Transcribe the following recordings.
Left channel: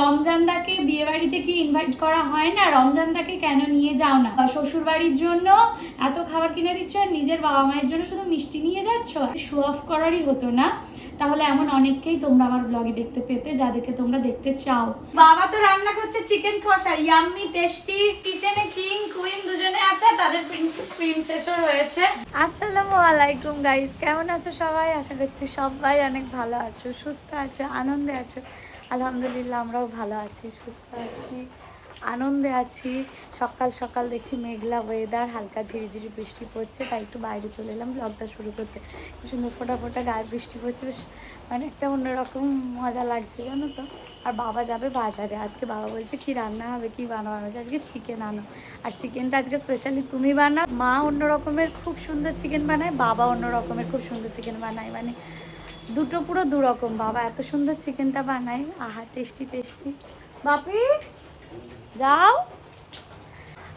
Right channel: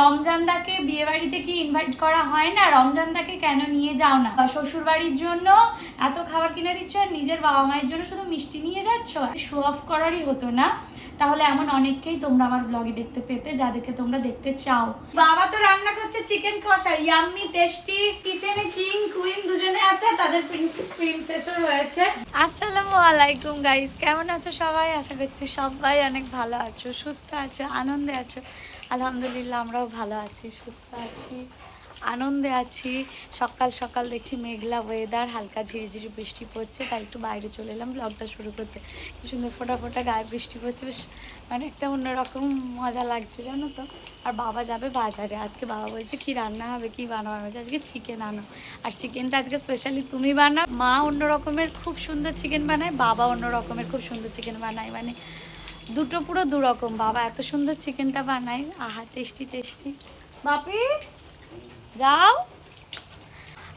রমজানদাকে বিয়ে বাড়িতে কি ইনভাইট করা হয় না? রমজানদাকে কেন নিয়ে যাও না? শ্বশুর বাড়ির জন্য এত খাবার কিনে দিচ্ছ আর নিজের বাবা মায়ের জন্য শুধু মিষ্টি নিয়ে যাচ্ছ? শো অফ করারই হতো না। তাহলে এমন অনেককেই তোমরা আমার ব্লগে দেখতে পেতে, যাদেরকে তোমরা দেখতে চাও। বাবা তো রান্না করছে চিকেন কষা ইয়াম্মি টেস্টি কিচেনে কিং কুইন দুজনে আছে তাদের প্রিন্সেসও রয়েছে। আসসালামু আলাইকুম গাইস কেমন আছো সবাই? আশা করছি সবাই অনেক ভালো আছো, সুস্থ আছো, আনন্দে আছো। আলহামদুলিল্লাহ, আমরাও ভালো আছি, সুস্থ আছি, আনন্দে আছি। সকাল সকাল দেখছি মেঘলা ওয়েদার হালকা ঝিরিঝিরি বৃষ্টি পড়ছে, তাই একটু বাইরে চলে এলাম ব্লগটা শুরু করতে। কি সুন্দর ফোটা ফোটা গায়ে বৃষ্টি পড়ছে, বেশ মানে একটা অন্যরকম মজা লাগছে, জানো তো। আর বাবা যাবে বাজারে, আজকে বাবা বলছে কি রান্না হবে, কি বানাবো, আমি আজকে চিকেন আনো। আর চিকেনটা আজকে স্পেশালি তুমি বানাও, মা অন্য রকমের খুব সুন্দর চিকেন বানায়, বাবা অন্য রকমের খুব সুন্দর চিকেন বানায় মানে দুটো পুরো দু রকম বাবা। এত সুন্দর চিকেনটা বানায়। আহা, টেস্টি টেস্টি। বাপি, যাও।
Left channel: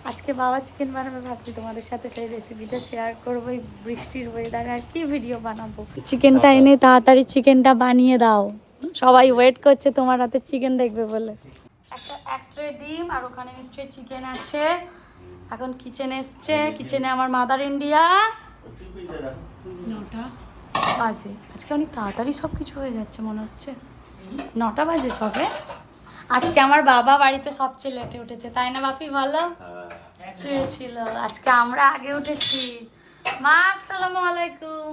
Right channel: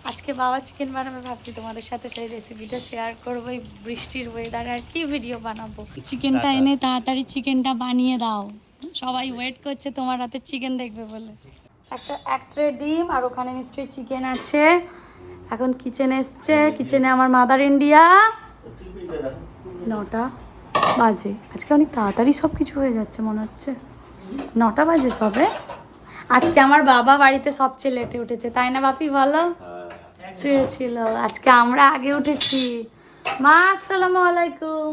আজকে বাবা চিকেন বানাবে, ভাবছি তোমাদের সাথে সেই রেসিপিটা শেয়ার করব, এই বৃষ্টির ওয়েদারে আর কি ভিডিও বানাবো? চিকেনটা এনে তাড়াতাড়ি চিকেনটা বানিয়ে দাও। সবাই ওয়েট করছে, তোমার হাতে চিকেন দেখবে বলে। একটা এক ট্রে ডিম, আর ওখানে নিশ্চয়ই চিকেন আছে। এখন কিচেন এসছে। কিচেনে আমার মাদার ইন্ডিয়া নটা। বাজে। আজকে অনেক তাড়াতাড়ি সব কিছু হয়ে যাচ্ছে মনে হচ্ছে। নটা বাজে সবে। আজকে আমার বাবা বাড়িতে সবচেয়ে লেটে উঠেছে তাই না বাপি বলো? শুয়েছিল আজকে আমরা আগে উঠেছি। মা আসসালামু আলাইকুম।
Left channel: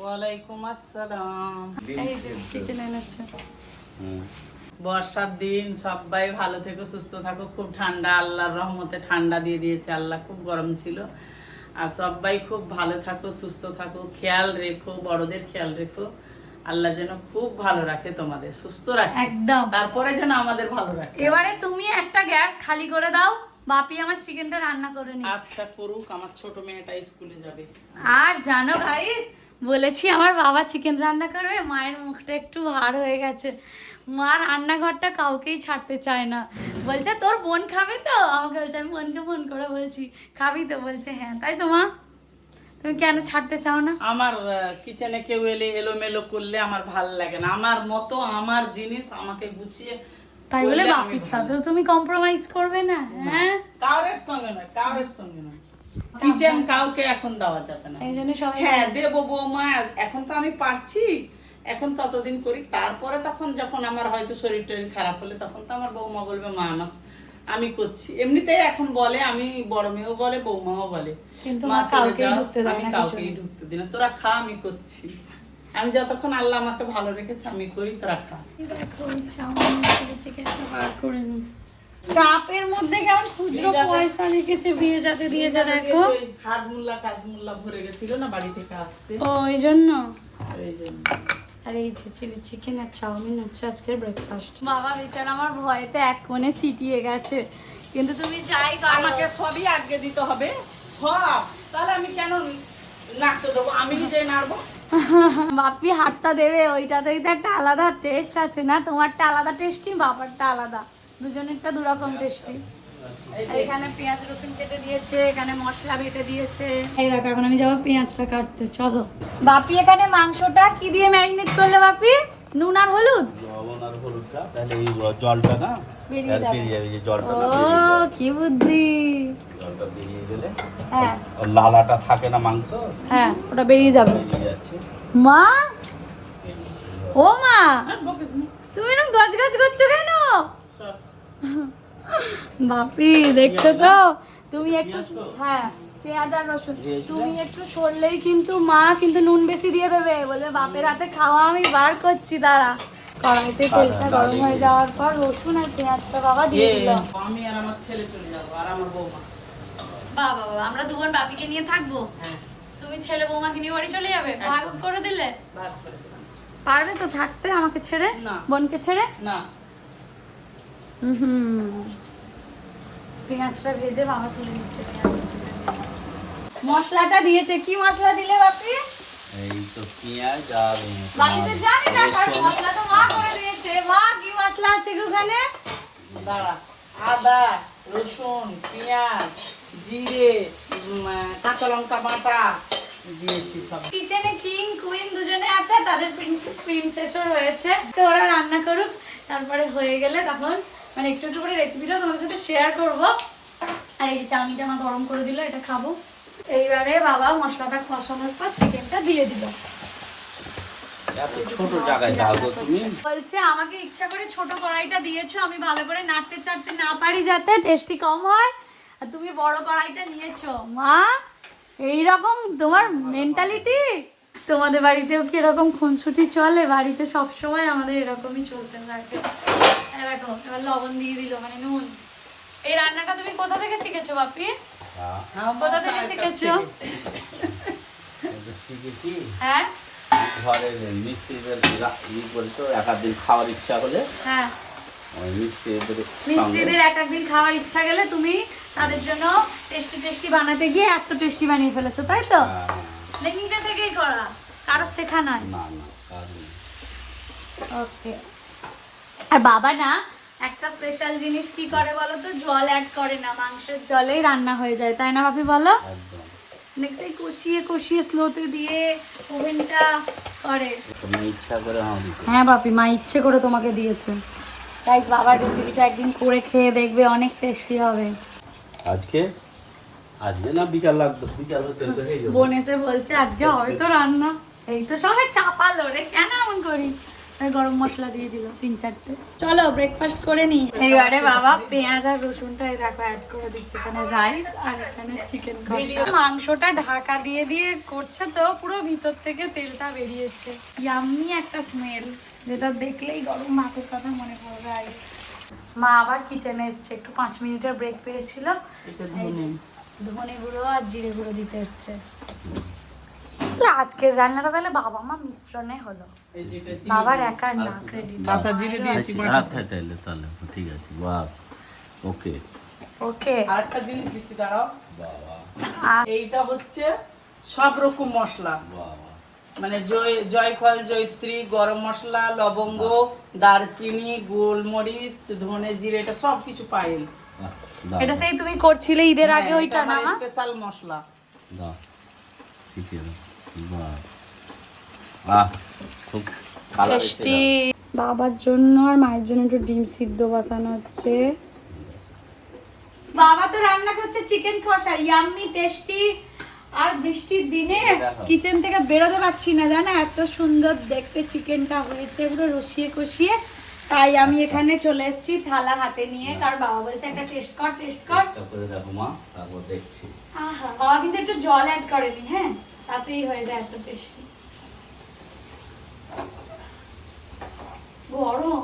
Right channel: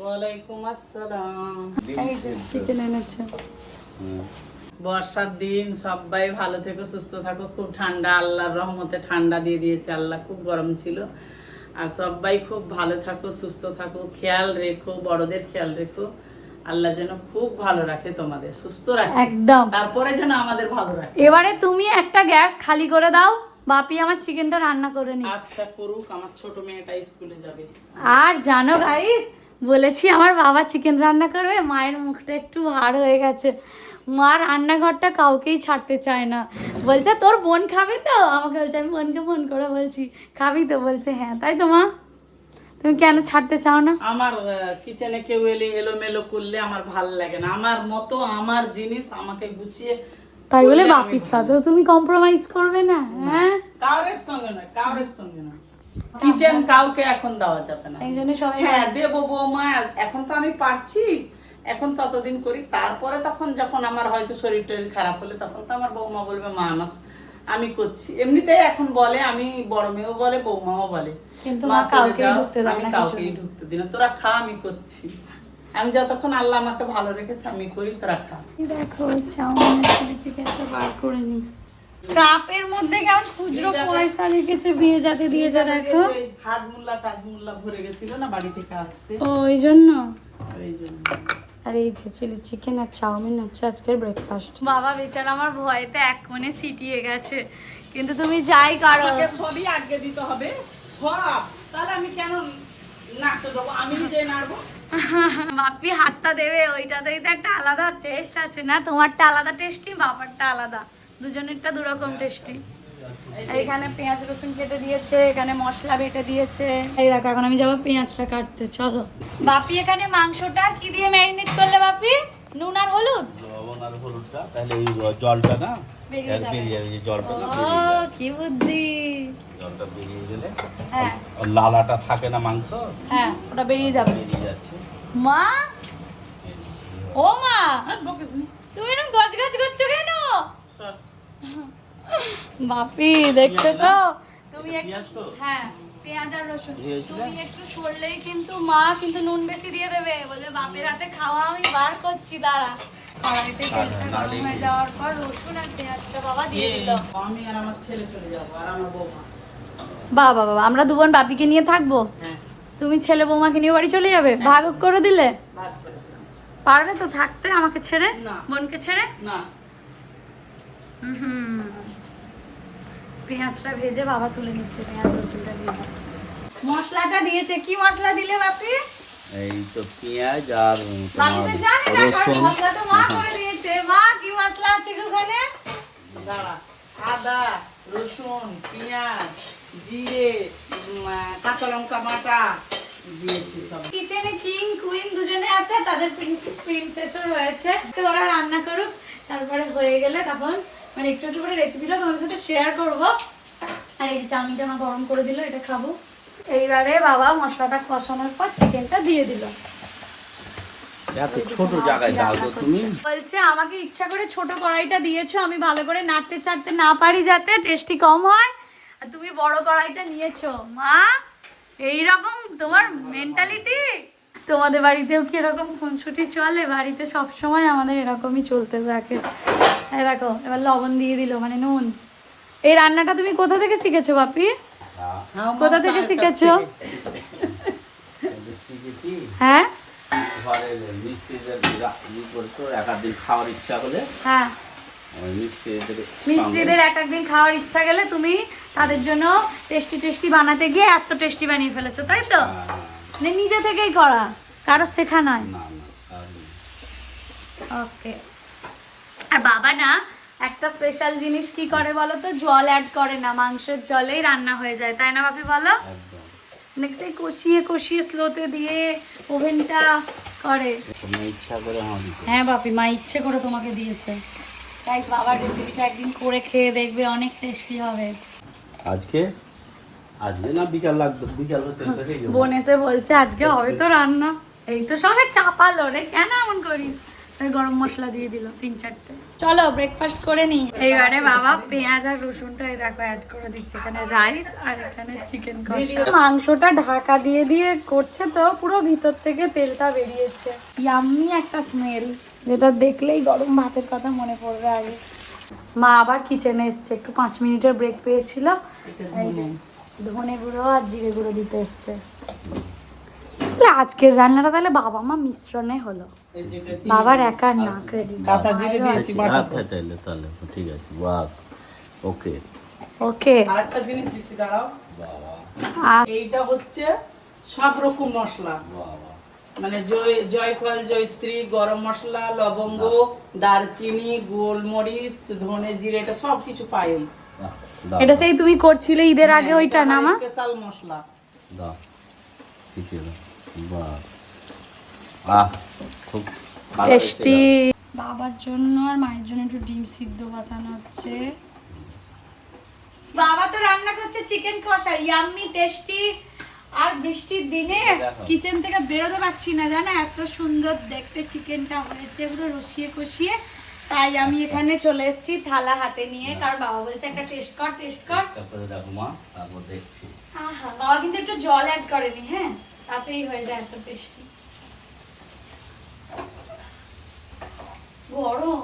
ওয়ালাইকুম আসসালাম। এই যে চিকেন এনেছে। বর্ষার দিন সবাই ভালো থেকো সুস্থ থাকো। খুব ঠান্ডা আল্লাহর রহমতে ঠান্ডা দিয়ে দিয়েছে। আল্লাহ খুব গরম ছিল। আর সবাই খুব ভালো থাকো সুস্থ থাকো খেয়াল রেখো বড়দের খেয়াল রেখো। আল্লাহ যেন খুব ভালো রাখে তোমাদের সুস্থ রাখে। একদম। তারপরে যেন আমাদের ভালো রাখে। এবারে তুমি একটা গ্যাস খালি করে দাও বাপি আমার চিকেনটা রান্না করে নি আচ্ছা করুক আমার ছোট মেয়েটা স্কুলে যাবে। আর জানো গাইস বলেছি আমার বাবা চিকেন রান্না করবে মায়ের মুখটা একটু আর হয়ে গেছে। মা রান্নাঘরটা কাউকেই ছাড়তে চায় না। বলছে তোর বোন খাবে তো? আমাকে বলছে আমি বোনকে ফোন করে বলছি খাবি তো? বলছে হ্যাঁ তাই তো মা। তুমি কেন ছাড়তে চাও না? আমার কিচেনে কেউ এলে এলোমেলো করলে আমার ভালো লাগে না। আমার মতো আমার জিনিস আমাকে গুছিয়ে তাই বলে বাপির সাথেও তুমি কম্প্রোমাইজ করবে না হ্যাঁ? কাউরের সঙ্গে না কাউরের সঙ্গে না কিচেন কাউকে এখন দেওয়া যাবে না। এই জন্য সবাই হ্যাঁ দেবো বৌমা এখন তো আমি পারছি। এখন ততদিন করি। তারপরে তখন যখন আমার হয়তো শরীর টরীর খারাপ হলে তখন তো আমার বৌমা বলবে মা আমার আমি করছি। এমনিতেই এখন বলে আমি বড় মেয়েও বলে বৌমাও বলে। দেয় আমি কাউকেই ঢুকতে দিই না। তোরা খা আমি করছি। আমি যতক্ষণ আল্লাহ আমাকে ভালো রেখেছে আমি করি তোরা খা। দেখো চাউমিন বার করে নি। কাপের মধ্যে কেমন খুচরো পয়সা রেখেছে বিয়ে যাতে দিয়েছে দেখো ওই হাত মুল্লা কাজ মুল্লা ভরে গেছিল না বাড়ি থেকে আসতে? ও ওই জন্য? এই জন্য। আর এই যে চিলি চিকেন আর চাউমিন হচ্ছে আজকের ব্রেকফাস্ট বাবা বেচারা আমার ভয়েতে এক কোণে সিটিয়ে গেছে। কিন্তু তুমি যাই করো। আমাকে সবই আগে দিতে হবে সব। তাহলে আমি কেন নাড়তে দেবো? আমি নিজে নাড়বো? বাপি হাতটা দেবে ওইটাতেই তো একটা আলাদা টেস্ট আছে না? তোমারটা আলাদা টেস্টি বাবারটা আলাদা। দুজনেরটা দুরকম টেস্টি এখানে পেঁয়াজ রসুন কেটে দিয়েছে এখানে মশলা বেটে দিয়েছে। এই দেখো এখন আমি যাব পেঁয়াজটা কাটতে চলো। বাপি এখানে মাংসটা কি দিয়ে ম্যারিনেট করলে বাপি? নুন আর হলুদ? লবণ আর হলুদটা তাহলে এই জলটা না বেরিয়ে যাবে। এই জলটা ও কি বুদ্ধি। জলটা বেরিয়ে গেলে হ্যাঁ। লালাটা থাকে না মাংস? হ্যাঁ ওটা বেরিয়ে যাবে। বেরিয়ে যাচ্ছে। মা? ও মা না। তুমি এরকম গজ গজ করছ কেন। বাপি দেখছ তো? তুমি একটু হ্যাঁ। পেঁয়াজ আর রসুন? তুমি একটু সরলেই কিন্তু মা কিন্তু নুন বেশি দিয়ে দেবে। বলবে বাপের হাতে খাওয়া আমি বার করছি দাঁড়া। কড়াইতে তেলটা গরম হয়ে যাওয়ার পর রসুন আর পেঁয়াজটা বাবা দিয়ে দিল আমি আর আমার ছেলে চলে যাব আর আমার বৌমা। বাবা বাবা আমরা দুবোন বাপিকে নিয়ে থাকব? হ্যাঁ। তুমি ছেলে বৌমাকে নিয়ে বাড়ি চলে যাবে? ভাগ করে দিলে? পারবে তো থাকতে আমাকে ছেড়ে? বোনকে ছেড়ে? না। হুম। পেঁয়াজটা ভেজে বাবা তুলে নিচ্ছে পেঁয়াজ রসুনটা দিয়ে। মশলাটা দিয়েছে। কি মশলা দিলে বাপি? এই তো পেঁয়াজ আর বাড়িতে জানি না কারণ মশলা তো মা করে দিয়েছে। মা কি মশলা আছে ওখানে দাঁড়া। আদা রসুন পেঁয়াজ জিরে কাঁচা লঙ্কা বাটা দিয়েছি সব। কিচেনে কিং কুইন দুজনে আছে তাদের প্রিন্সেসও রয়েছে। তো ওরা রান্না করুক তারপরে হয়ে গেলে তখন মানে একটু একটু করে রেসিপিটা তোমাদের সাথে শেয়ার করব। আর এই যে চাউমিনটা আমার গরম করে দিল এটা খাব। এইবারে বাবা মশলাটা কষানোর পর চিকেনটা দিয়ে দিল। বলছে আমাকে ইচ্ছা করে ছোট কড়াইটা দিয়েছ আমি ভালো করে নাড়তে চাড়তে না পারি যাতে টেস্টি কম হয়। আর তুমি বড় কড়াইটা নিয়েছো। মা এই রকম তোমার মেন্টালিটি তোমাদের বাড়িতেও কি এরকম খুনসুটি চলে? বাড়িতে সব সময় আমাদের এরকমই চলতে থাকে। দেখো এবার লবণ দিয়ে দিল মানে নুন। এই রান্নাটা তুমি কোথা থেকে শিখেছো বাপি? হ্যাঁ, কোথা থেকে শিখেছো? হ্যাঁ? ঘরে মিস্ত্রিদের ই করে এক দিন খাওয়ার ইচ্ছা হলে। হ্যাঁ। মিস্ত্রিদের এক একদিন খাওয়ার ইচ্ছা গেলে তুমি তাদের জন্য টেস্টি টেস্টি বানাতে গিয়ে এত টেস্টি বানিয়ে ফেলেছো তাই তো? হ্যাঁ, নিজে থেকেই করা কারও শেখা নয়। না না আর ওকে। আর বাবা না একটা স্পেশাল জিনিস কি করে বলো তো? জল অ্যাড করে না মাংসের জলেই রান্না হয়ে যায় তাই না ভাবি বলো? নেক্সট এই কষিয়ে কষিয়ে স্লোতে দিয়ে ওভেনটা করে। ইচ্ছা হ্যাঁ হ্যাঁ বাপি মা ইচ্ছে করে তোমাকে দিয়েছে। গাইস বাবার রেসিপিটা একদিন করে খেয়ে দেখবে অনেক টেস্টি হবে। আজকে? আজকে না বিকাল লাগবে বিকাল। বোন এসে বলছে আজকে হবে তো রান্না। এই তো সবাই চাপালো রে কেন এমন করিস? তার গরম মশলা দিয়ে দিল তিন চারটে। চলো ব্রেকফাস্ট করে নি। এবারে বাবা পেঁয়াজ আর রসুনটা এই দেখো অ্যাড করে দিচ্ছে এখানে রাইস আর এখানে চিকেন কষা। মাংসটা ঢাকা দিয়ে দিয়ে করছে তো পুরো ভিতর থেকে তেলটা বেরিয়েছে। ইয়াম্মি একটা স্মেল যেটা দেখলেই গরম ভাতের কথা মনে পড়বে আগে। মা আবার কিচেনে এসছে একটু পাঁচ মিনিটের ব্রেক পেয়েছিল। ধনে গুঁড়ো আর জিরে গুঁড়ো দিতে এসছে। আজকের রান্নাটা তাহলে বাবা মা মিশ্রণে হলো। বাবার একা না কাঁচা জিরে দিয়েছি তাহলে তাহলে ঠিক আছে বাস ওকে। ওকে। আরেকটা জিনিস দিচ্ছি দাঁড়াও। এইটা হচ্ছে সব রকম মশলা। বাবা। মানে জয় জয়ফল জয়ত্রী গরম মশলা লবঙ্গ দারচিনি গোলমরিচ ধনে জিরে এটা সব কিছু পাইল। এটা সেই তুমি করছিলে ঈদের আগে ওইটা না মা স্পেশাল মশলা। দাও। ঠিক আছে বাহ বাহ খুব টেস্টি। বাবার জন্য আর মায়ের জন্য একটু ডিম সিদ্ধ বসানো হচ্ছে। বাবা তো রান্না করছে চিকেন কষা ইয়াম্মি টেস্টি আর বৃষ্টির দিনে কিচেন থেকে বেরোতে পারছি না জানো? এত সুন্দর দেখতে চিকেনটা হয়েছে পুরো রসিয়ে কষিয়ে। তাই আমি এখানে চলে এসেছি থালা হাতে নিয়ে। কারণ বাবা বলছে একটা টেস্ট কর টেস্ট কর। দেখো মা তারপর দেখছি। আহা, বাবা কিন্তু একটু জল অ্যাড করেনি হ্যাঁ? তাতেই হয়ে যায় এত টেস্টি গরম।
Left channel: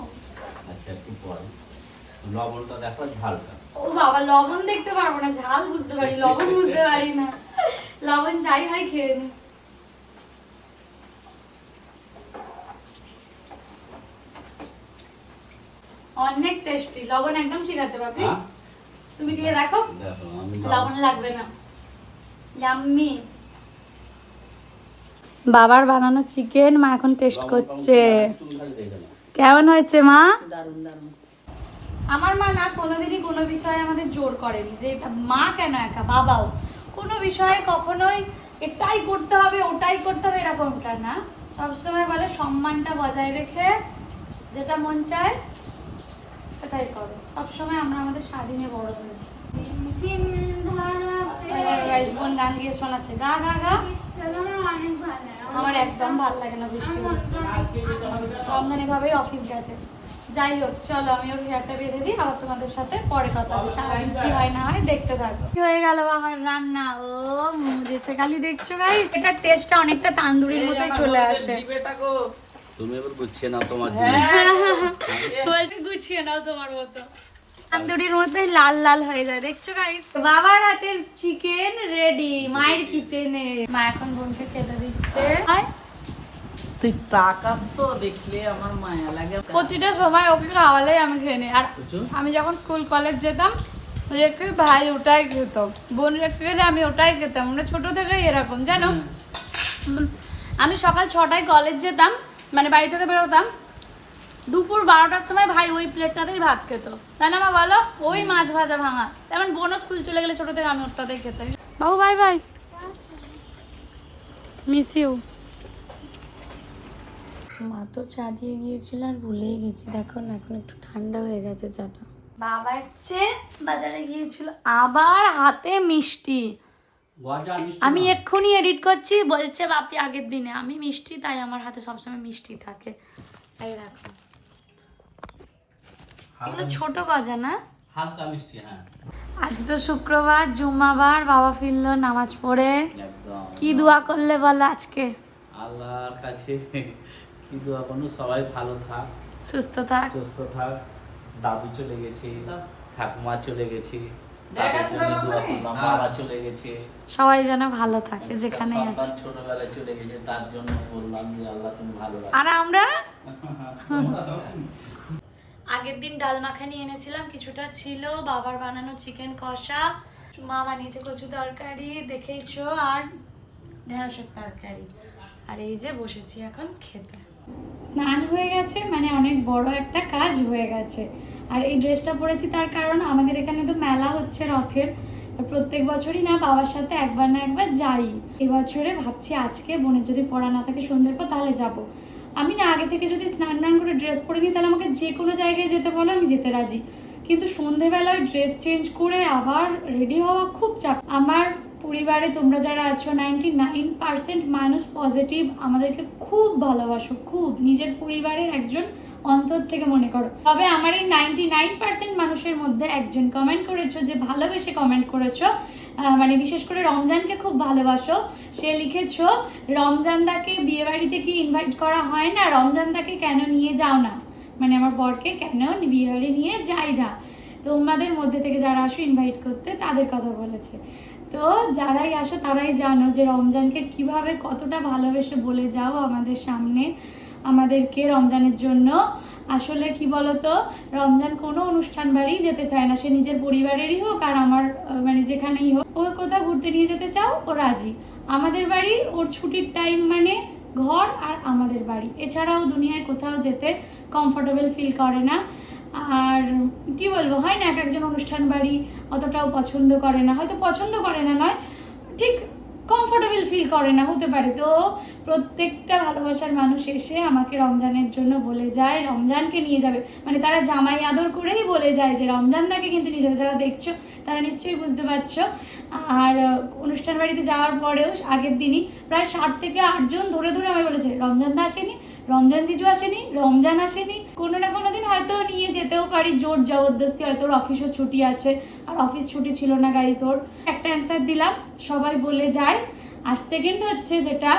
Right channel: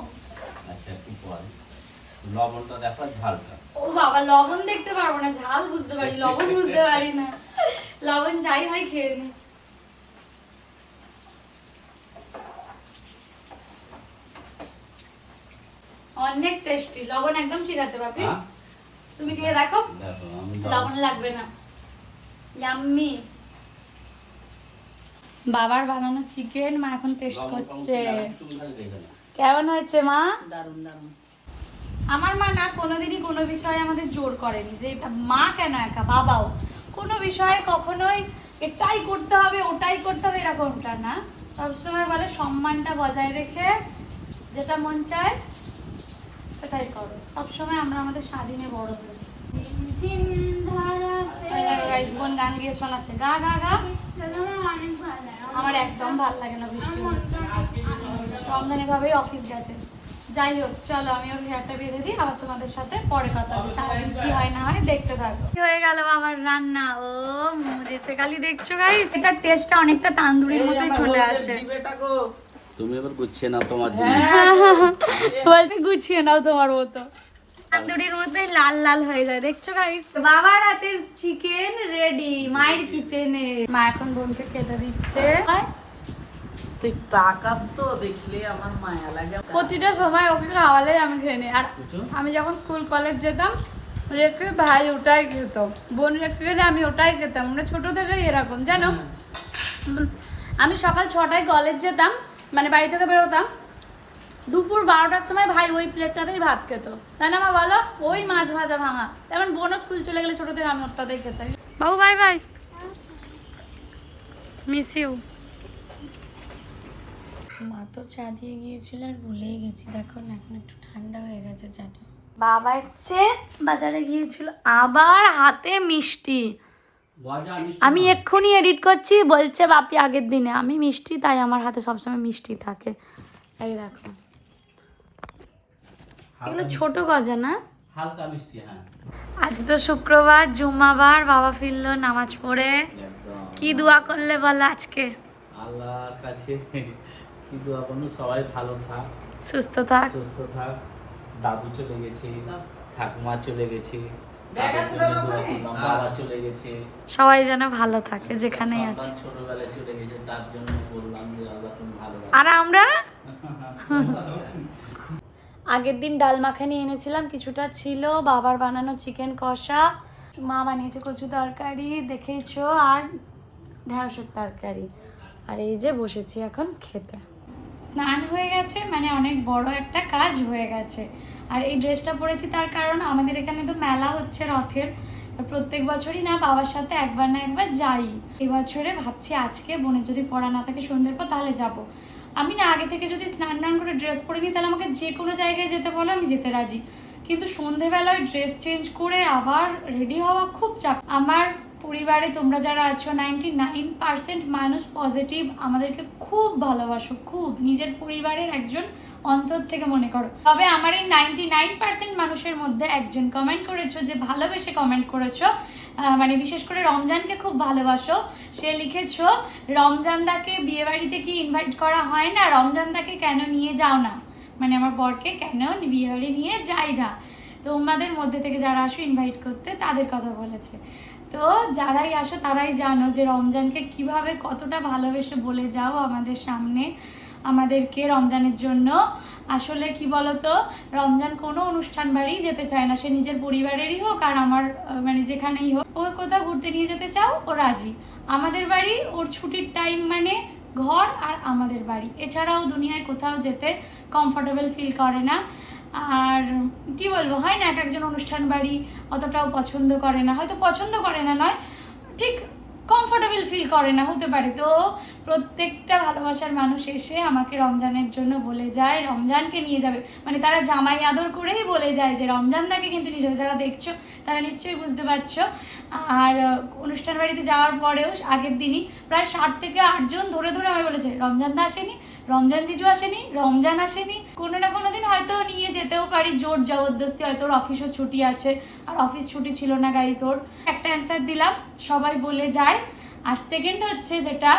আচ্ছা একটু পরে লবণটা দেখো ঝালটা। ও বাবা লবণ দেখতে পারব না ঝাল বুঝতে পারি লবণ বুঝতে পারি না। লবণ যাই হয় খেয়ে নি। অনেক টেস্টি লবণ একদম ঠিক আছে বাপি? হ্যাঁ। তুমি খেয়ে দেখো। লবণ। লাগবে না। ইয়াম্মি। বাবার বানানো চিকেন মা এখন টেস্ট করছে। কেমন হয়েছে মা? দারুণ দারুণ আমার মা না কোনোদিনই কোনো বিষয়ে আমাদের জোর করেনি যে এটা মা কেন একা বাবাও। কোনো বিষয়ে কখনোই এটাই করতে হবে ওটাই করতে হবে এরকমটা না। সবসময় বলে সম্মানটা বজায় রেখে যেটা মন চায় সেটাই করো। সবসময় আমরা আমাদের স্বাধীনে বড় হয়েছি। বোন গান গিয়ে শোনাচ্ছে গা গা গা। আমার একদম ভালো লাগে না বৃষ্টি রমজান এভাবেই অফিস গেছে। যাই হোক চলো আমি ওর হেয়ারটা বেঁধে দিই আবার তোমাদের সাথে পরে কথা আছে সারাদিন কি হয় না হয় দেখতে থাকো। কি হয়ে গেল বাবার রান্না? ও মুজেছে খালি দেখছ গাইস এটা টেস্টটা অনেকটা তান্দুরির মতোই চলে আসে। তুমি এবার গুছিয়ে নাও তোমার জন্য হ্যাঁ বলতে গুছিয়ে নাও তোমার মতো। তান্দুরির মধ্যে লাল লাল হয়ে যায়। দেখছ গাইস বাবার হাতের চিকেন রেডি মায়ের কিচেনে মা এখন বোনকে খেতে দিচ্ছে। আয়। তুই তাকাস তো দেখলে আমার মায়া লাগে। প্রতিটা সময় ওকে খাওয়ালে আমি খেয়ে নিই। আর আমি যখন স্কুল কলেজ যেতাম রেখে ভাই ওটাই খেত। বোন রেখে গেলে আমি ওটাই খেতাম। আমরা ছোট থেকেই এরকম জানো? আমি সকাল ছটায় কলেজ যেতাম মানে বাড়ি থেকে বেরোতাম দুপুর বারোটার সময় ভাই ওই প্লেটটাতেই ভাত খেত। তাই না মা বলো? ওই মাছ ভাজা ভাঙা। তেমন বোনও স্কুল চলে গেলে ছোট থেকে আমি ওটাতেই খেতাম। বাবু ভাই ভাই মিস ইউ মা তো চা দিয়ে গিয়েছিল আর ভুলেই গেছি। দেখো না এখন একটু ঠান্ডা হয়ে গেছে চাটা। বাবা এসছে। বাজারে গিয়েছিল আবার হাতে মিষ্টি। আমি এক্ষুনি এডিট করছি বলছে বাপি আগের দিনে। আমি মিষ্টি তাই আমার হাতে সবসময় মিষ্টি থাকে। এই দেখো। এগুলো ছোট গজা না? হালকা মিষ্টি হ্যাঁ। আজ তো শুক্রবার জুম্মাবার বাবা ফিরলো নামাজ পড়ে। কি দোয়া করলে বলো আজকে? আল্লাহর কাছে কি দোয়া করব? সবাই ভালো থাক। সুস্থ থাক। সুস্থ থাক। দাদু চলে গেছে ঠাকুমা চলে গেছে। গেছে। সবাই যেন ভালো থাকে যেখানেই সন্তান আছে। ছোটবেলায় চলে গেছে তার জন্য বললাম যে আল্লাহ তুমি ভালো রাখো আর আমরা? আগের দিন ডাল মাখানি এনেছিলাম কিছুটা ছিল বাবার বানানো চিকেন কষা। মা বানিয়েছে কচু তরকারি দেখেইছো আর ঢেঁড়সের তরকারি। আর এই যে বসেছি এখন খেতে। স্নান হয়ে গেছে মানে অনেক বড় একটা কাজ হয়ে গেছে। আর এই ড্রেসটা পরেছি তার কারণ আমাদের এখানে তো মেলা হচ্ছে রথের। প্রত্যেক বছরই না বাবার সাথে একবার না একবার যাই। এবছরে ভাবছি আজকে বোনের যদি পড়া না থাকে সন্ধ্যের পর তাহলে যাব। আমি না আগে থেকে যদি স্নান টান করে ড্রেস পরে নিই তাহলে আমাকে যে কোনো জায়গায় যেতে বলো, আমি যেতে রাজি। কিন্তু সন্ধেবেলায় ড্রেস চেঞ্জ করে আবার রেডি হওয়া খুব চাপ। আমার পরিবারে তোমরা যারা আছো নাইনটি নাইন পার্সেন্ট মানুষ পজিটিভ আমাদেরকে খুব ভালোবাসো, খুব। নিজের পরিবারের একজন অন্তর থেকে মনে করো। তবে আমার এই নাইনটি নাইন পার্সেন্ট মানুষের মধ্যে একজন কমেন্ট করেছ, যে ভালোবেসে কমেন্ট করেছ মানে বিশেষ করে রমজানকে খুব ভালোবাসো। সে লিখেছো, রমজানদাকে বিয়ে বাড়িতে কি ইনভাইট করা হয় না? রমজানদাকে কেন নিয়ে যাও না? মানে আমার বরকে, কেন বিয়ে বাড়ি নিয়ে যাই না? তোমাদের মধ্যে থেকে যারা আসো ইনভাইট করতে, তাদের কথা বলেছে। তো যারাই আসো তারাই জানো যে রমজানকে কীভাবে কতটা ভালোবেসে বলে যাও আমাদের সামনে, আমাদেরকে রমজানের জন্য। আসলে কি বলতো, রমজান কোনো অনুষ্ঠান বাড়ি যেতে চায় না। সে নিজের পরিবারেরই হোক আর আমার মানে যেখানেই হোক ওকে কোথাও ঘুরতে নিয়ে যেতে চাও, ও রাজি। আমাদের বাড়ি ওর ছুটির টাইম মানে ঘর আর আমাদের বাড়ি। এছাড়াও দুনিয়ায় কোথাও যেতে কমফর্টেবল ফিল করে না। আর কি বলব, হয় না এক একজন অনুষ্ঠান বাড়ি অতটাও পছন্দ করে না। হয়তো পছন্দ করে না, নয়, ঠিক কমফোর্টেবল ফিল করে না, হতে পারে। তো প্রত্যেকটা ভালোবাসার মানুষ এসে আমাকে রমজানের জন্য বলে যায়, রমজানকে নিয়ে যাবে। মানে তারা জামাই আদর করেই বলে যায় যে রমজান তাকে কিন্তু নিয়ে যাবে। যারা দেখছ, তারা নিশ্চয়ই বুঝতে পারছ। আর, অনুষ্ঠান বাড়িতে যাওয়ার পরেও আগের দিনই প্রায় সাত থেকে আটজন ধরে ধরে আমায় বলেছে, রমজান দা আসেনি রমজান জিজু আসেনি, রমজান আসেনি। কোনো না কোনো দিন হয়তো নিয়ে যেতেও পারি, জোর জবরদস্তি হয়তো ওর অফিসও ছুটি আছে। আর অফিস ছুটি ছিল না গাইজ ওর। একটা অ্যান্সার দিলাম, সবাই বলে যায়। আর সেকেন্ড হচ্ছে যেটা,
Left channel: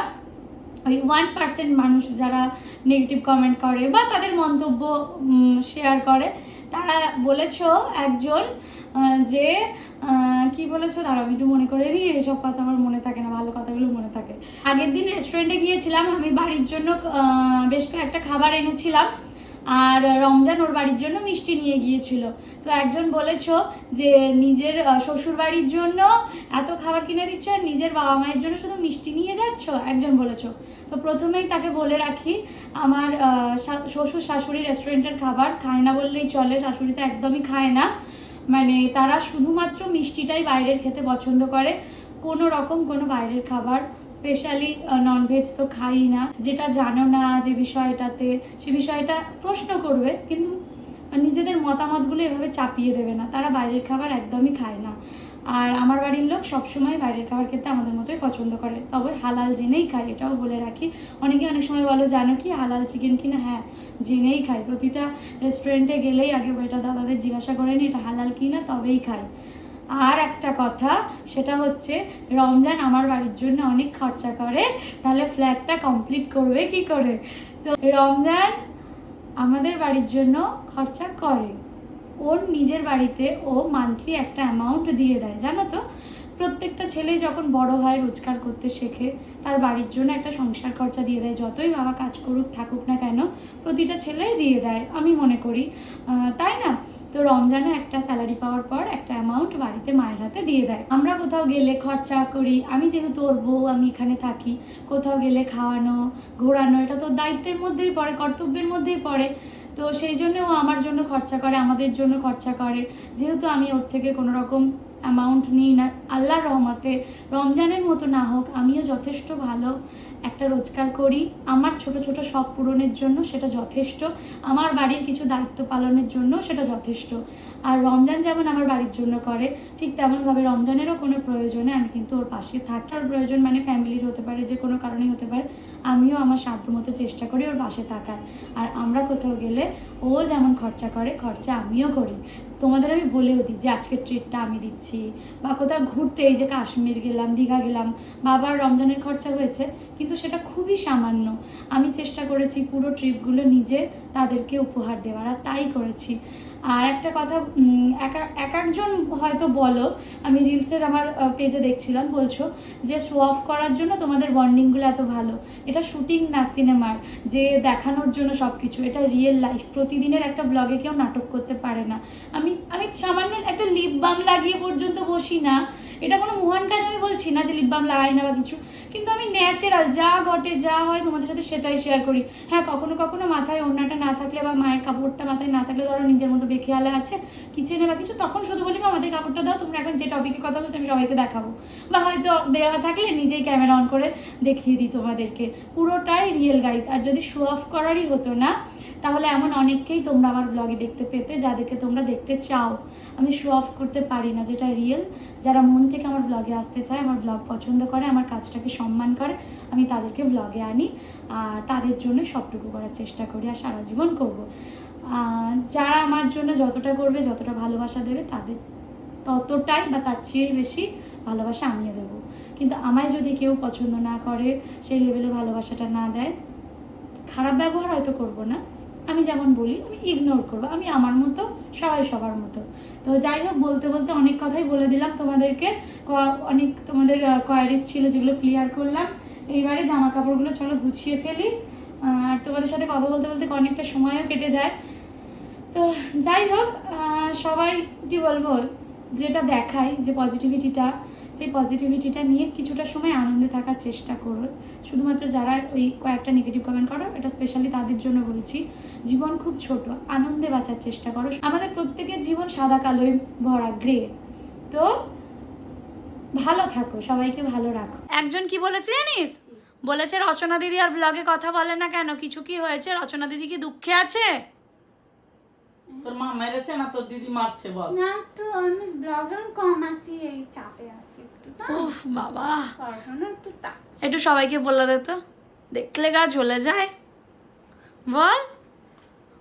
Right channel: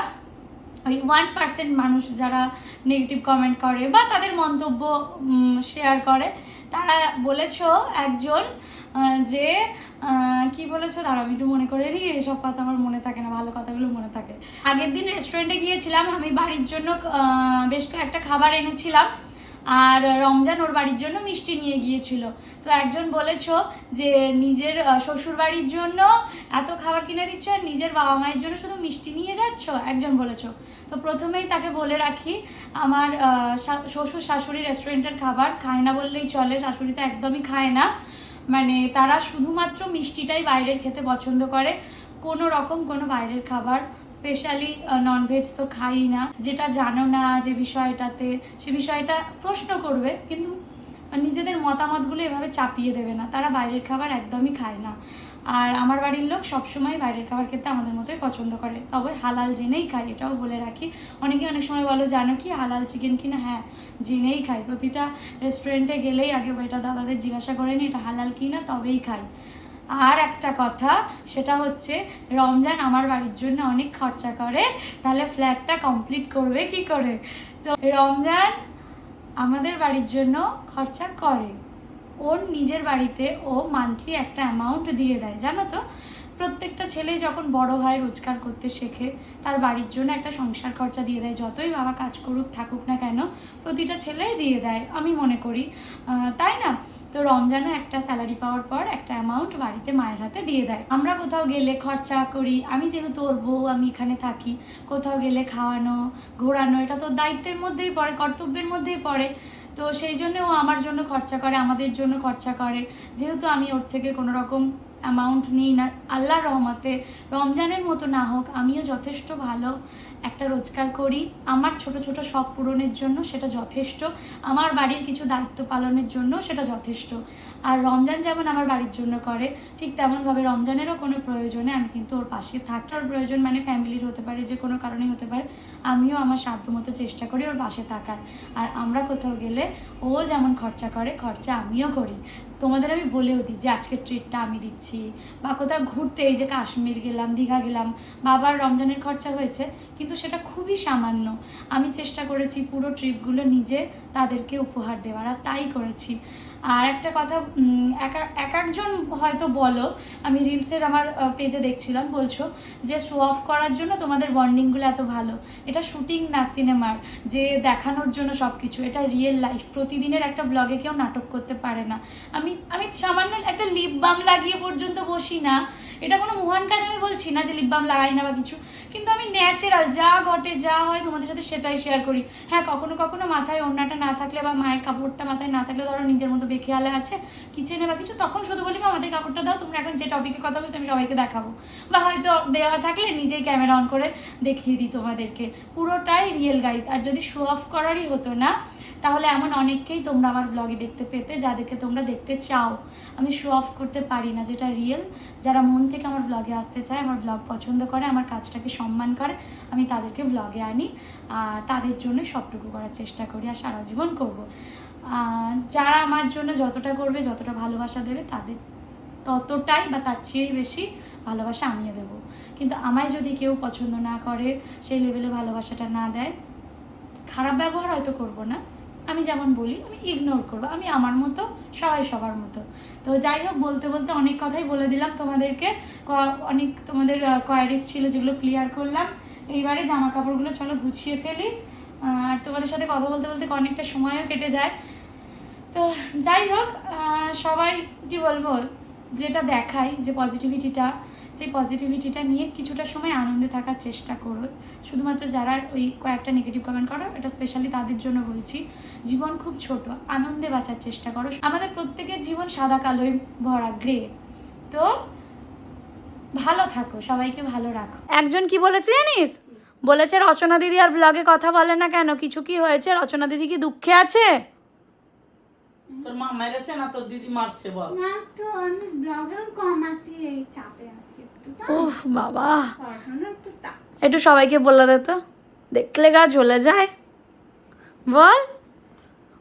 ওই ওয়ান পার্সেন্ট মানুষ যারা নেগেটিভ কমেন্ট করে বা তাদের মন্তব্য শেয়ার করে তারা বলেছ একজন যে কি বলেছ? দাঁড়া আমি একটু মনে করে দিই, এসব কথা আমার মনে থাকে না, ভালো কথাগুলো মনে থাকে। আগের দিন রেস্টুরেন্টে গিয়েছিলাম, আমি বাড়ির জন্য বেশ কয়েকটা খাবার এনেছিলাম। আর রমজান ওর বাড়ির জন্য মিষ্টি নিয়ে গিয়েছিল। তো একজন বলেছ যে নিজের শ্বশুর বাড়ির জন্য এত খাবার কিনে দিচ্ছ আর নিজের বাবা মায়ের জন্য শুধু মিষ্টি নিয়ে যাচ্ছ? একজন বলেছ। তো প্রথমেই তাকে বলে রাখি, আমার শ্বশুর শাশুড়ি রেস্টুরেন্টের খাবার খায় না বললেই চলে, শাশুড়ি তো একদমই খায় না। মানে তারা শুধুমাত্র মিষ্টিটাই বাইরের খেতে পছন্দ করে। কোনো রকম কোনো বাইরের খাবার স্পেশালি ননভেজ তো খাই না। যেটা জানো না যে বিষয়টাতে, সে বিষয়টা প্রশ্ন করবে, কিন্তু নিজেদের মতামতগুলো এভাবে চাপিয়ে দেবে না। তারা বাইরের খাবার একদমই খায় না। আর আমার বাড়ির লোক সবসময় বাইরের খাবার খেতে আমাদের মতোই পছন্দ করে। তবে হালাল জেনেই খাই এটাও বলে রাখি। অনেকে অনেক সময় বলো, জানো কি, হালাল চিকেন কিনা? হ্যাঁ জেনেই খাই প্রতিটা রেস্টুরেন্টে গেলেই আগে এটা দাদাদের জিজ্ঞাসা করে নি, এটা হালাল কিনা? তবেই খাই আর একটা কথা, সেটা হচ্ছে রমজান আমার বাড়ির জন্য অনেক খরচা করে, তাহলে ফ্ল্যাটটা কমপ্লিট করবে কি করে? তো রমজান আমাদের বাড়ির জন্য খরচা করে। ওর নিজের বাড়িতে ও মান্থলি একটা অ্যামাউন্ট দিয়ে দেয়, জানো তো? প্রত্যেকটা ছেলেই যখন বড় হয়, রোজগার করতে শেখে, তার বাড়ির জন্য একটা সংসার খরচা দিয়ে দেয়, যতই বাবা কাজ করুক, থাকুক না কেন, প্রতিটা ছেলেই দিয়ে দেয়, আমি মনে করি। তাই না? তো রমজানে একটা স্যালারি পাওয়ার পর একটা অ্যামাউন্ট বাড়িতে মায়ের হাতে দিয়ে দেয়। আমরা কোথাও গেলে খরচা করি, আমি যেহেতু ওর বউ, আমি এখানে থাকি, কোথাও গেলে খাওয়ানো, ঘোরানো, এটা তো দায়িত্বের মধ্যেই পড়ে, কর্তব্যের মধ্যেই পড়ে। তো সেই জন্য ও আমার জন্য খরচা করে, আমাদের জন্য খরচা করে। যেহেতু আমি ওর থেকে কোনো রকম অ্যামাউন্ট নিই না, আল্লাহর রহমতে রমজানের মতো না হোক, আমিও যথেষ্ট ভালো। একটা রোজগার করি। আমার ছোট ছোট শখ পূরণের জন্য সেটা যথেষ্ট। আমার বাড়ির কিছু দায়িত্ব পালনের জন্য সেটা যথেষ্ট। আর রমজান যেমন আমার বাড়ির জন্য করে, ঠিক তেমনভাবে রমজানেরও কোনো প্রয়োজনে আমি কিন্তু ওর পাশে থাকি। ওর প্রয়োজন মানে ফ্যামিলির হতে পারে, যে কোনো কারণেই হতে পারে, আমিও আমার সাধ্যমতো চেষ্টা করি ওর পাশে থাকার। আর আমরা কোথাও গেলে ও যেমন খরচা করে, খরচা আমিও করি। তোমাদের আমি বলেও দিই যে আজকের ট্রিটটা আমি দিচ্ছি। বা কোথাও ঘুরতে, এই যে কাশ্মীর গেলাম, দীঘা গেলাম, বাবার রমজানের খরচা হয়েছে, কিন্তু সেটা খুবই সামান্য। আমি চেষ্টা করেছি পুরো ট্রিপগুলো নিজে তাদেরকে উপহার দেওয়ার, আর তাই করেছি। আর একটা কথা এক এক- এক একজন হয়তো বলো, আমি রিলসের আমার পেজে দেখছিলাম, বলছো যে শো অফ করার জন্য তোমাদের বন্ডিংগুলো এত ভালো। এটা শুটিং না সিনেমার যে দেখানোর জন্য সব কিছু এটা রিয়েল লাইফ প্রতিদিনের একটা ব্লগে কেউ নাটক করতে পারে না। আমি আমি সামান্য একটা লিপ বাম লাগিয়ে পর্যন্ত বসি না। এটা কোনো মহান কাজ আমি বলছি না যে লিপ বাম লাগাই না বা কিছু কিন্তু আমি ন্যাচারাল যা ঘটে যা হয় তোমাদের সাথে সেটাই শেয়ার করি। হ্যাঁ কখনো কখনো মাথায় ওড়নাটা না থাকলে বা মায়ের কাপড়টা মাথায় না থাকলে ধরো নিজের মতো বেখেয়ালে আছে কিচেনে বা কিছু তখন শুধু বলি "মা, আমাদের কাপড়টা দাও তোমরা এখন যে টপিকে কথা বলছো আমি সবাইকে দেখাবো। বা হয়তো দেওয়া থাকলে নিজেই ক্যামেরা অন করে দেখিয়ে দিই তোমাদেরকে। পুরোটাই রিয়েল গাইজ আর যদি শো অফ করারই হতো না তাহলে এমন অনেককেই তোমরা আমার ব্লগে দেখতে পেতে, যাদেরকে তোমরা দেখতে চাও। আমি শো অফ করতে পারি না, যেটা রিয়েল যারা মন থেকে আমার ব্লগে আসতে চায়, আমার ব্লগ পছন্দ করে, আমার কাজটাকে সম্মান করে, আমি তাদেরকে ব্লগে আনি আর তাদের জন্য সবটুকু করার চেষ্টা করি আর সারা জীবন করব। যারা আমার জন্য যতটা করবে, যতটা ভালোবাসা দেবে, তাদের ততটাই বা তার চেয়ে বেশি ভালোবাসা আমিও দেবো। কিন্তু আমায় যদি কেউ পছন্দ না করে, সেই লেভেলে ভালোবাসাটা না দেয়, খারাপ ব্যবহার হয়তো করব না। আমি যেমন বলি, আমি ইগনোর করব। আমি আমার মতো, সবাই সবার মতো। তো যাই হোক, বলতে বলতে অনেক কথাই বলে দিলাম তোমাদেরকে। অনেক তোমাদের কোয়ারিজ ছিল যেগুলো ক্লিয়ার করলাম। এইবারে জামা কাপড়গুলো চলো গুছিয়ে ফেলি। আর তোমাদের সাথে কথা বলতে বলতে অনেকটা সময়ও কেটে যায়। তো যাই হোক সবাই কি বলব, যেটা দেখায় যে পজিটিভিটিটা সেই পজিটিভিটিটা নিয়ে কিছুটা সময় আনন্দে থাকার চেষ্টা করো শুধুমাত্র যারা ওই কয়েকটা নেগেটিভ কমেন্ট করো, এটা স্পেশালি তাদের জন্য বলছি। জীবন খুব ছোট, আনন্দে বাঁচার চেষ্টা করো। আমাদের প্রত্যেকের জীবন সাদা কালোয় ভরা গ্রে তো ভালো থাকো, সবাইকে ভালো রাখো। একজন কি বলেছে জানিস? বলেছে রচনা দিদি আর ব্লগে কথা বলে না কেন? কিছু কি হয়েছে? রচনা দিদি কি দুঃখে আছে? তোর মা মেরেছে না তোর দিদি মারছে বল? না তো আমি কম আসি এই চাপে আছি একটু বাবা। তা একটু সবাইকে বলে দে তো। দেখলে গা জ্বলে যায়। বল।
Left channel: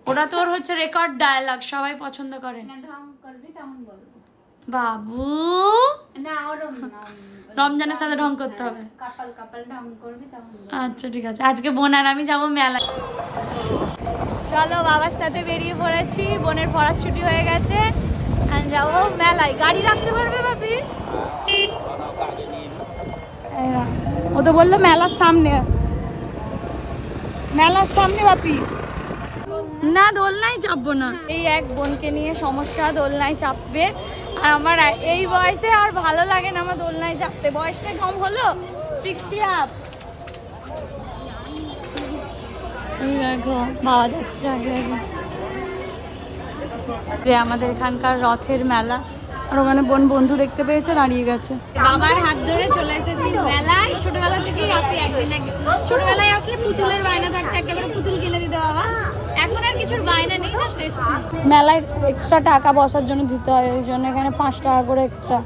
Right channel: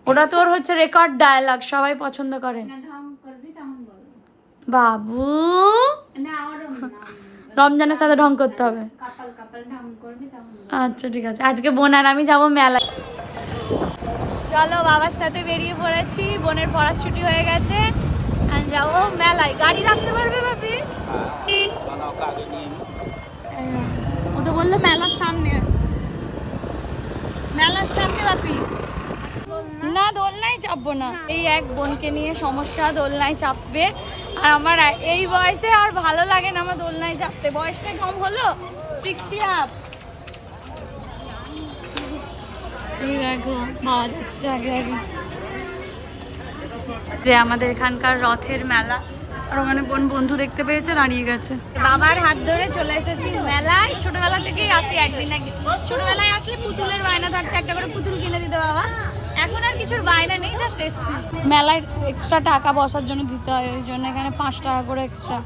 ওটা তোর হচ্ছে রেকর্ড ডায়ালগ সবাই পছন্দ করে। না ঢং করবি তখন বলব। বাবু। না ওরম না। রমজানের সাথে ঢং করতে হবে। আচ্ছা ঠিক আছে। আজকে বোন আর আমি যাব মেলায়। চলো বাবার সাথে বেরিয়ে পড়েছি। বোনের পড়ার ছুটি হয়ে গেছে। যাব মেলায়। গাড়ি রাখতে পারবে বাপি ও তো বলল মেলার সামনে। মেলার সামনে বাপি না দোলনায় চাপবো না। এই এক বোনকে নিয়ে সমস্যা দোলনায় চাপবে। আর আমার এই বয়সে আর ভালো লাগে না আমার দোলনায় চাপতে বয়সটা কম হলো? সিক্সটি আপ দেখো যে আমাদের এখানকার রথের মেলা। আর ওখানে বোন বন্ধু দেখতে পেয়েছে, দাঁড়িয়ে গেছে। বাবার হাত ধরে চলে এসেছি মেলায়। ছোটবেলা থেকেই আসি একদিন আগে ছোটবেলায় আসলে পুতুলের বায়না থাকতে একটা করে পুতুল কিনে দিতে বাবা। এখন আর কিছুর বায়না নেই জাস্ট এসছি। মেলায় এক্সট্রা টাকা বসার জন্য দিতে হয় ওই জন্য এখানে পাঁচ টাকা করে এক্সট্রা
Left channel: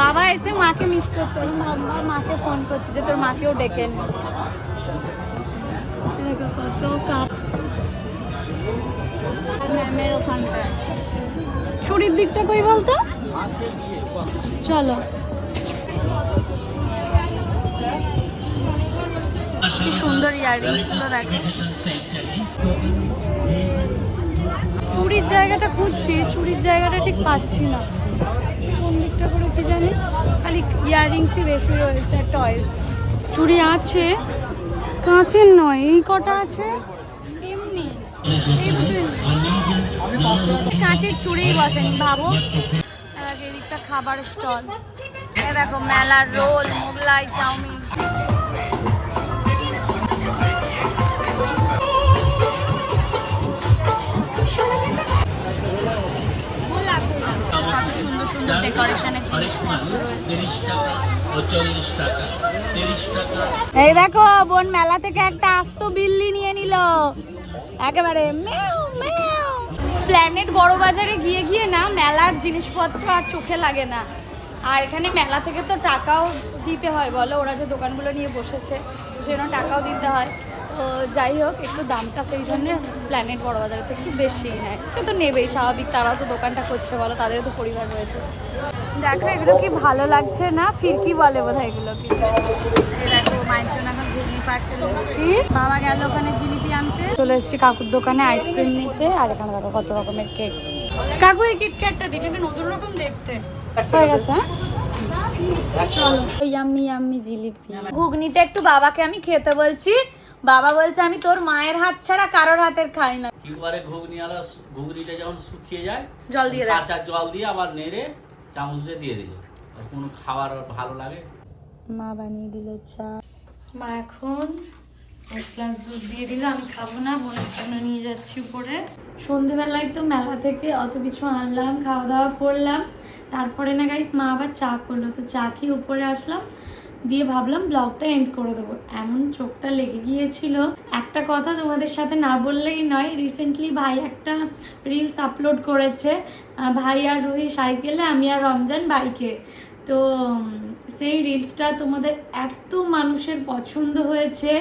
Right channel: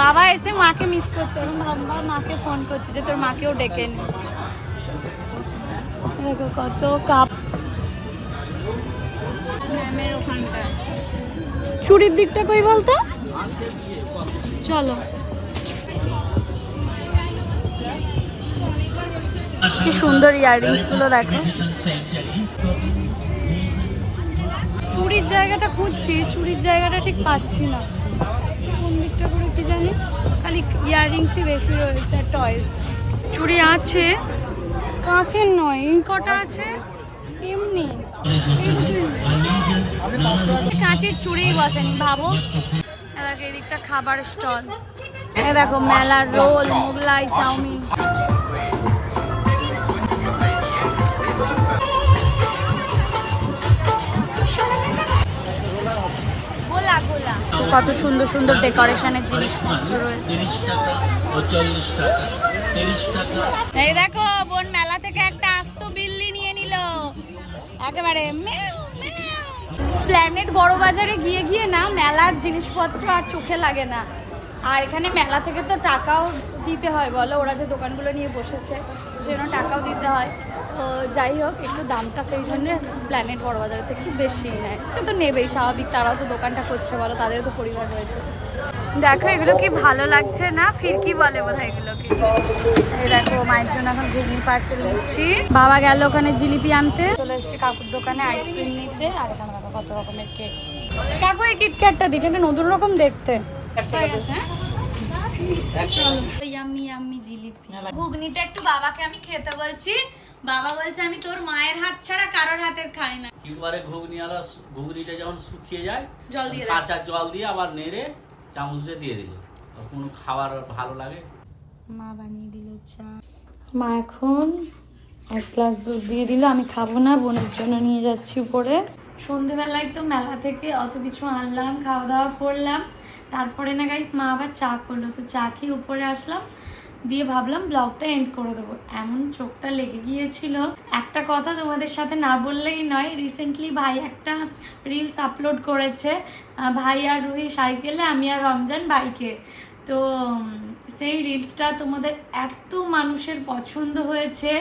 বাবা এসে মাকে মিস করছে। আমি বাবা মাকে ফোন করছে যে তোর মাকেও ডেকে নে। কত কাপ চুরির দিকটা কই বলতো? চলো। কি সুন্দর ইয়াররিংসগুলো দেখো। চুরির জায়গাটা খুঁজছি, চুরির জায়গাটা ঠিক পাচ্ছি না। কোন দিকটা করে কি জানি? খালি ইয়াররিংসই বেশি রয়েছে টয়েস চুড়ি আছে কাঁচের নয় এই কটা আছে? এমনি, এই কাঁচের চুড়িই বসেনি, ভাবো। এদিকটা খাবার স্টল। দেখো, মেলার রোল, মোগলাই, চাউমিন। কত সুন্দর সুন্দর ডেকোরেশনের জিনিসপত্র রয়েছে এই দেখো বোন মেলা থেকে একটা আস্ত বিল্লি নিয়ে নিল। একেবারে ম্যাও ম্যাও প্ল্যানেট বড় বাজারে গিয়ে গিয়ে না মেলার জিনিসপত্র আর চোখে লাগে না। আর এখানে মেলা থেকে তো টাকাও দিতে হয় বলো ওরা যে দোকানগুলো নিয়ে বসেছে সেজন্য টাকাও দিতে হয়। যাই হোক, একটু দামটা সেই জন্য প্ল্যানেট বড় বাজারের থেকে একটু বেশি নেয়। সে তো নেবেই, স্বাভাবিক, তারাও তো দোকানটা করছে বলো, তাদেরও তো পরিবার রয়েছে। দেখো, এগুলো কি ভালো লাগছে না? ফিরকি বলে বোধ হয় এগুলোকে এই দেখো, মায়ের জন্য এখন ঘুগনি, পার্সেল নিচ্ছি। বাবা গেল ওখানে জিলিপি আনতে। চলে এসেছি কাকুর দোকানে আইসক্রিম নিতে, আর এখানে দেখো কত রকমের কেক। কাকু, এই কিটক্যাটটা দিকে এটা নতুন রকম দেখতে। হয়ে গেছে হ্যাঁ? জিলিপি। ঘুগনিটা একটু বাবাকে আমি খেতে বলছি। বাবা বলছে আমি তোর মায়ের হাত ছাড়া কারোর হাতের খাই না। একবারে ঘুগনি আর ঘুগনিটা যখন শুকিয়ে যায় জল দিয়ে কাঁচা জল দিয়ে আবার নেড়ে চামচ দিয়ে দিয়ে দিল। কোনো খাবার ভালো লাগে? মা বানিয়ে দিল চা। মা এখন এক গ্লাস দুধ দিয়ে দিল আমি খাব না বোনের জন্য নিয়ে যাচ্ছি উপরে। সন্ধেবেলায় তো মেলা থেকে অত কিছু আনলাম খাওয়া দাওয়া করলাম। তারপরে না গাইস মা আবার চা করল। তো চা খেয়ে উপরে আসলাম। দিয়ে ভাবলাম ব্লগটা এন্ড করে দেবো। এমন চোখটা লেগে গিয়েছিল। একটা কথা তোমাদের সাথে না বললেই নয় রিসেন্টলি ভাই একটা রিলস আপলোড করেছে ভাই আর রুহি সাইকেলে, আমি আর রমজান বাইকে তো সেই রিলসটা তোমাদের এত মানুষের পছন্দ হয়েছে।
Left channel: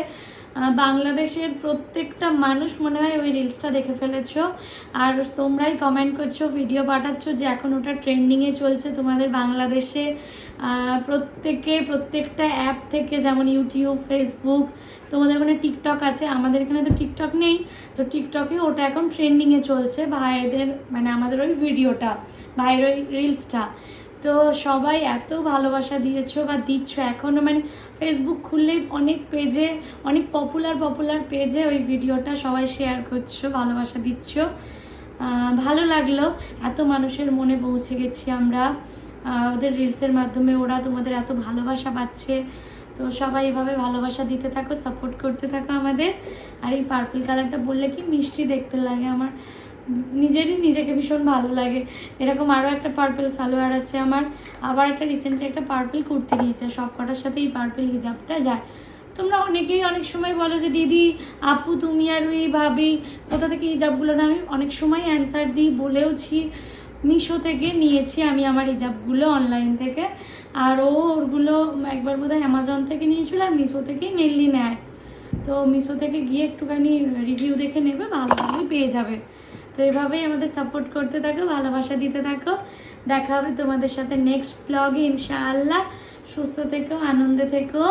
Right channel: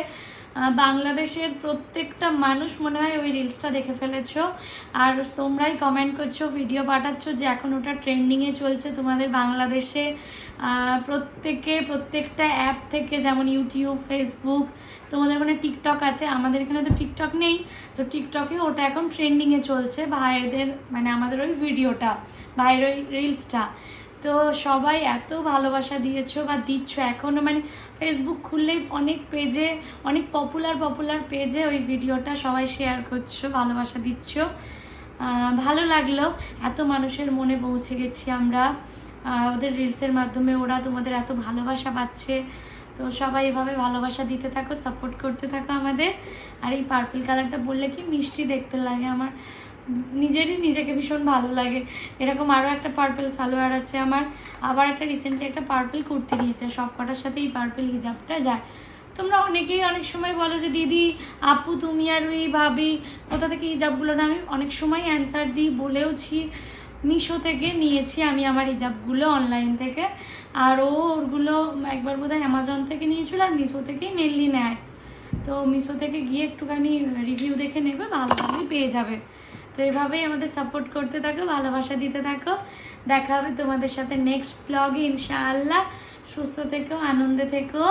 বাংলাদেশের প্রত্যেকটা মানুষ মনে হয় ওই রিলসটা দেখে ফেলেছো। আর তোমরাই কমেন্ট করছ ভিডিও পাঠাচ্ছ যে এখন ওটা ট্রেন্ডিংয়ে চলছে তোমাদের বাংলাদেশে। প্রত্যেকে, প্রত্যেকটা অ্যাপ থেকে যেমন ইউটিউব ফেসবুক তোমাদের ওখানে টিকটক আছে, আমাদের এখানে তো টিকটক নেই। তো টিকটকে ওটা এখন ট্রেন্ডিংয়ে চলছে ভাইদের মানে আমাদের ওই ভিডিওটা ভাইয়ের ওই রিলসটা তো সবাই এত ভালোবাসা দিয়েছ বা দিচ্ছ এখনও মানে ফেসবুক খুললেই অনেক পেজে অনেক পপুলার পপুলার পেজে ওই ভিডিওটা সবাই শেয়ার করছ, ভালোবাসা দিচ্ছ। ভালো লাগল। এত মানুষের মনে পৌঁছে গেছি আমরা। ওদের রিলসের মাধ্যমে ওরা তোমাদের এত ভালোবাসা পাচ্ছে। তো সবাই এভাবে ভালোবাসা দিতে থাকো সাপোর্ট করতে থাকো আমাদের। আর এই পার্পল কালারটা বললে কি মিষ্টি দেখতে লাগে আমার। নিজেরই নিজেকে ভীষণ ভালো লাগে। এরকম আরও একটা পার্পল সালোয়ার আছে আমার। আবার একটা রিসেন্টলি একটা পার্পেল কুর্তি নিয়েছে। সব কটার সাথে এই পার্পল হিজাবটা যায়। তোমরা অনেকেই অনেক সময় বলো যে, দিদি, আপু, তুমি আর ওই ভাবি, কোথা থেকে হিজাবগুলো না আমি অনেক সময় অ্যান্সার দিই, বলেওছি। মিশো থেকে নিয়েছি আমি আমার হিজাবগুলো অনলাইন থেকে। আর ও ওরগুলো একবার বোধহয় অ্যামাজন থেকে নিয়েছিল আর মিশো থেকেই মেনলি নেয়। তো মিশো থেকে গিয়ে একটুখানি রিভিউ দেখে নেবে ভালোভাবেই পেয়ে যাবে। তো এভাবেই আমাদের সাপোর্ট করতে থাকো, ভালোবাসা দিতে থাকো। দেখা হবে তোমাদের সাথে নেক্সট ব্লগে ইনশাআল্লাহ। সুস্থ থেকো, আনন্দে থেকো।